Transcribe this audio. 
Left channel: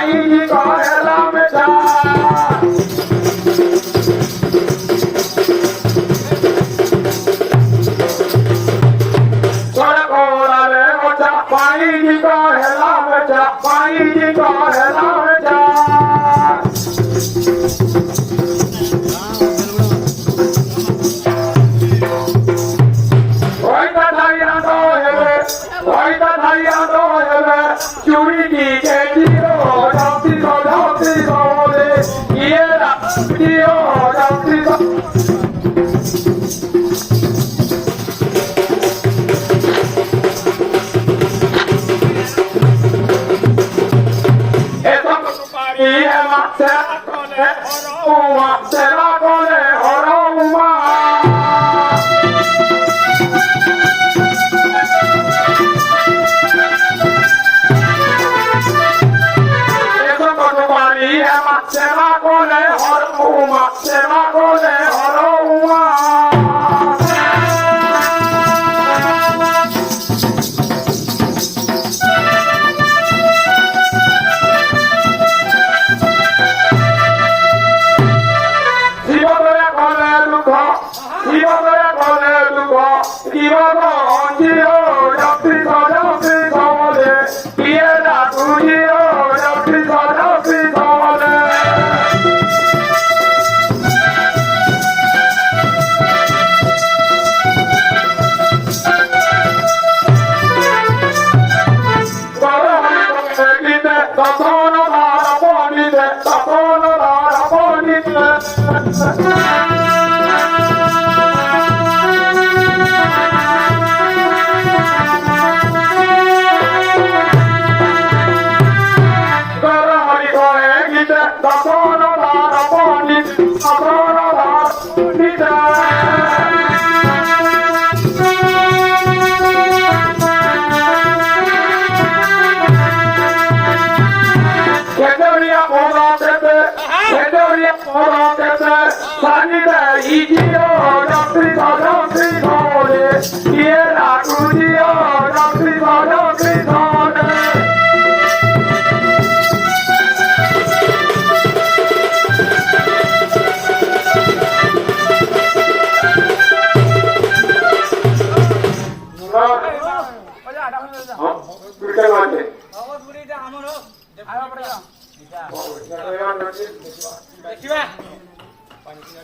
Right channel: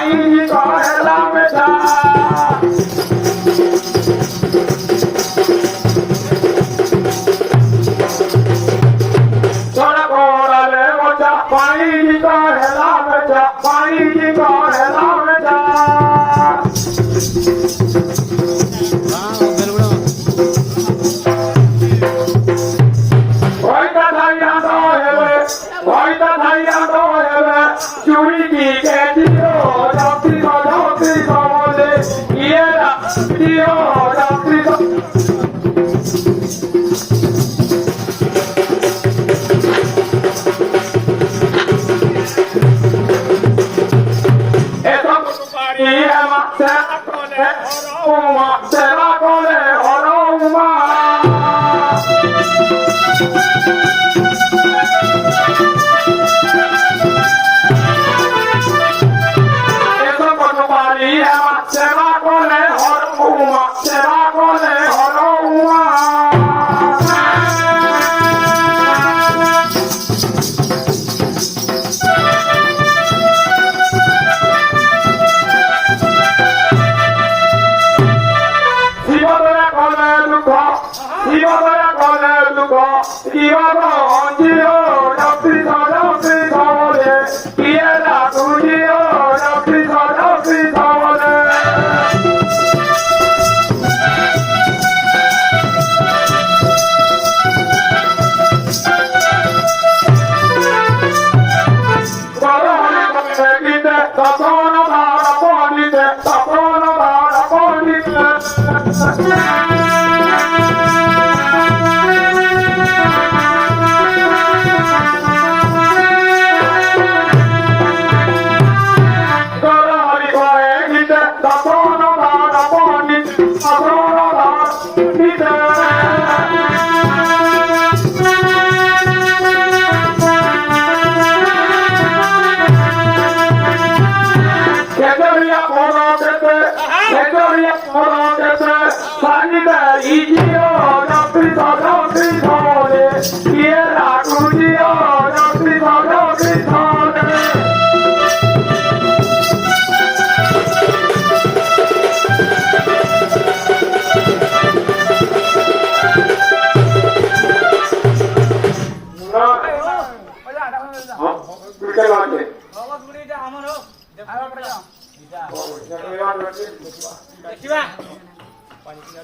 पानी को हेला में जा थोड़ा कोला ले बचा पानी को हेला में जा पानी को हेला में जा चूड़ी की कहती हो जाती को बोले ये राती हो जाती को ऐसा पारी है तेरा कोले हरोमा Será con el horuma, será con el horuma. Si yo voy a comer lujo, si yo voy a comer lujo, si yo voy a देखिबा पानी पिना